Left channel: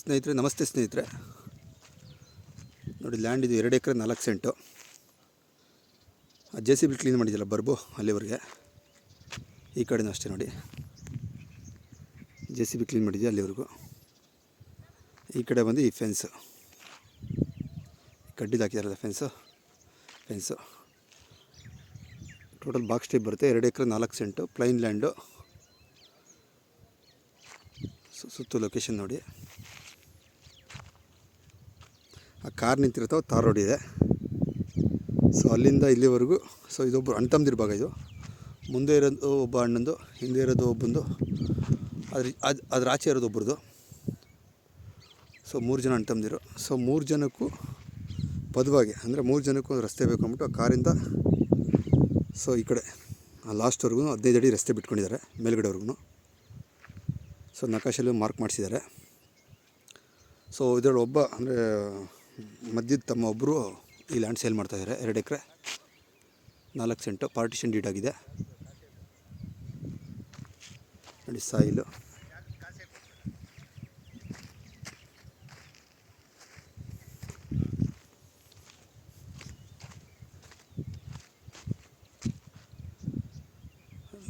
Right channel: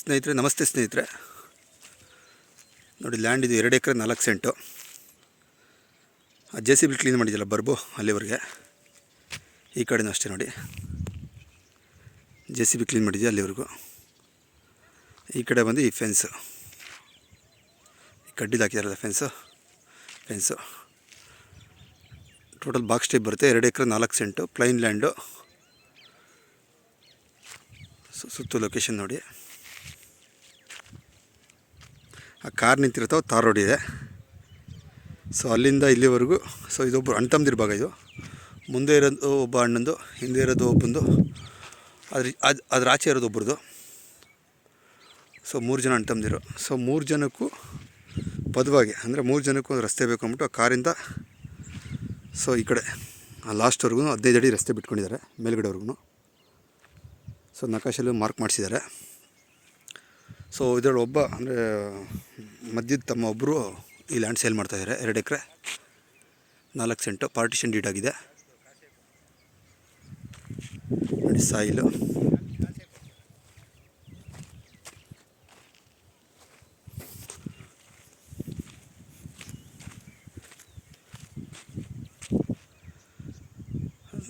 ಸ್ನೇಹಿತರೆ ನಮಸ್ತೆ ಸ್ನೇಹಿತರೆ. ನೋಡಿ, ಲ್ಯಾಂಡ್ ಇದು 2 acre 4 cent. J C B clean ಮಾಡಿದ್ಯಲ್ಲ ಬರ್ಬು ಅಲ್ಲಿವರೆಗೆ. ಈ ಕಡೆನೂ ಅಷ್ಟೇ ನೋಡಿ, ಜೆ ಸಿ ಬಿ ಕ್ಲೀನ್ ಮಾಡಿದ್ಯಾ ಅಲ್ಲಿವರೆಗೂ. ಈ ಕಡೆ ಬಂದು ಈ ಫೆನ್ಸು, ಈ ಕಡ್ಡಿದು ಹಾಕಿದಾರಲ್ಲ ಫೆನ್ಸು ಟೋಟಲ್ ಬಾಕ್ಸ್ ಟೈಪ್ ಬರುತ್ತೆ. 2 ಎಕರೆ 4 ಸೆಂಟು ಪ್ಲೈನ್ ಲ್ಯಾಂಡು. ಸುತ್ತು ಲೊಕೇಶನ್ ನೋಡಿ, ಆ ಕಾರ್ ನಿಂತಿರ್ತಾವೆ, ತಾರ್ ರೋಡ್ ಇದೆ. ಸೊ ಅಲ್ಲಿಂದ ಇಲ್ಲಿವರೆಗೂ. ಸೊ ಇದೊಬ್ಬರು ಅಣ್ಣ ತಮ್ಮದಿರ ಭಾಗ. ಇದು ಮುಂದೆ ಇರೋದು ಒಬ್ಬ ಅಣ್ಣಂದು, ಹಿಂದೆ ಇರೋದು ಒಬ್ಬಂದು, ಅದ್ರ ಆಚೆ ಇರೋದು ಒಬ್ರದ್ದು. ಸೊ 3 ಜನ ಅಣ್ಣ ತಮ್ಮದಿರು. ಸೊ 3 ಜನಕ್ಕೂ ಪದವಾಗಿ, ಅಂದರೆ 3 ಜನಕ್ಕೂ ಒಂದು ರಸ್ತೆ ಬೇಕು ಅಂದ್ಬಿಟ್ಟು ಆ ಕಾರಿಂದ ಸೊ ಈ ಕಡೆ ಲಾಸ್ಟ್ವರೆಗೂ 15 ಅಡಿ ರಸ್ತೆ ಬಿಟ್ಕೊಂಡಿದ್ದಾರೆ, ಮೇಲ್ಗಡೆವರೆಗೂ. ಸೊ ನಕಾಶಲ್ಲಿ ಮಾರ್ಕ್ ಮಾಡಿಸಿದ್ದಾರೆ. ಸೊ ಇದರಲ್ಲಿ ಒಬ್ಬ ಅಂದರೆ ಮಧ್ಯದ ತಮ್ಮ ಒಬ್ಬರು ಈ ಲ್ಯಾಂಡ್ ಸೇಲ್ ಮಾಡ್ತಾಯಿದ್ದಾರೆ. 2 ಎಕರೆ 4 ಸೆಂಟು ಪಾರ್ಟಿಷನ್ ಡೀಡ್ ಆಗಿದೆ ನೋಡಿ. ಸಾಯಿಲು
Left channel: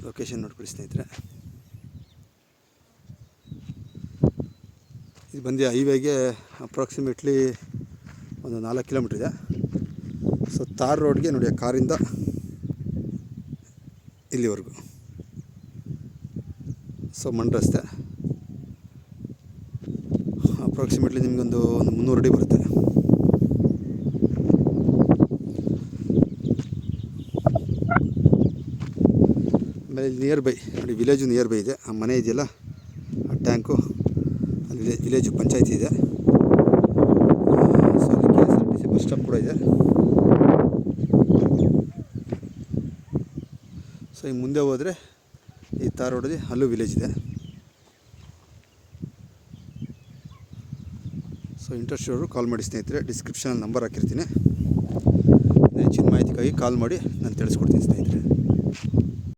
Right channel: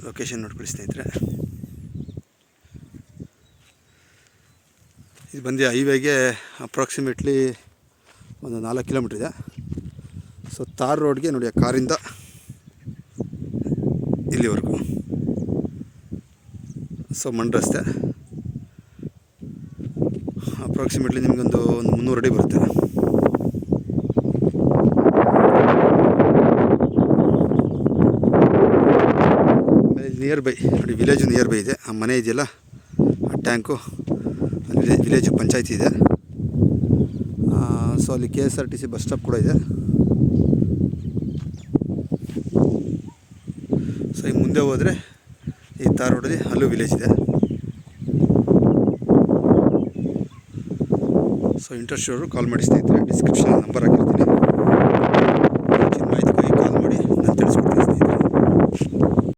ಲೊಕೇಶನ್ ನೋಡ್ಕೊಳ್ಳಿ ಸ್ನೇಹಿತರೆ. ಇದು ಬಂದು ಹೈವೇಗೆ ಅಪ್ರಾಕ್ಸಿಮೇಟ್ಲಿ ಒಂದು 4 ಕಿಲೋಮೀಟ್ರ್ ಇದೆ. ಸೊ ತಾರ್ ರೋಡ್ಗೆ ನೋಡಿ, ಆ ಕಾರಿಂದ ಇಲ್ಲಿವರೆಗೂ. ಸೊ ಮಣ್ಣು ರಸ್ತೆ ಅಪ್ರಾಕ್ಸಿಮೇಟ್ಲಿ ನಿಮಗೊಂದು 300 ಅಡಿ ಬರುತ್ತೆ. ಆಮೇಲೆ ನಿಯರ್ ಬೈ ನೋಡಿ, ವಿಲೇಜು ನಿಯರ್ ಬೈ ಇದೆ. ಆ ಮನೆ ಇದೆಯಲ್ಲ, ಆ ಟ್ಯಾಂಕು, ಅಲ್ಲಿ ವಿಲೇಜು ಪಂಚಾಯತಿ ಇದೆ. ಸೊ ಅಲ್ಲಿ KSRTC ಬಸ್ ಸ್ಟಾಪ್ ಕೂಡ ಇದೆ. ಸೊ ಈ ಮುಂದೆ ಹೋದರೆ ಈ ತಾರ್ ರೋಡಲ್ಲಿ ಅಲ್ಲೂ ವಿಲೇಜ್ ಇದೆ. ಸೊ ಇಂಟ್ರೆಸ್ಟ್ ಇರೋರು ಕಾಲ್ ಮಾಡಿ ಸ್ನೇಹಿತರೆ. ಡಿಸ್ಕ್ರಿಪ್ಷನ್ ನಂಬರ್ ಹಾಕಿರ್ತೀನಿ. ಹೆಚ್ಚಿನ ಮಾಹಿತಿಗಾಗಿ ಕಾಲ್ ಮಾಡಿ ನಾನು ತಿಳಿಸ್ಕೊಡ್ತೀನಿ ಸ್ನೇಹಿತರೆ.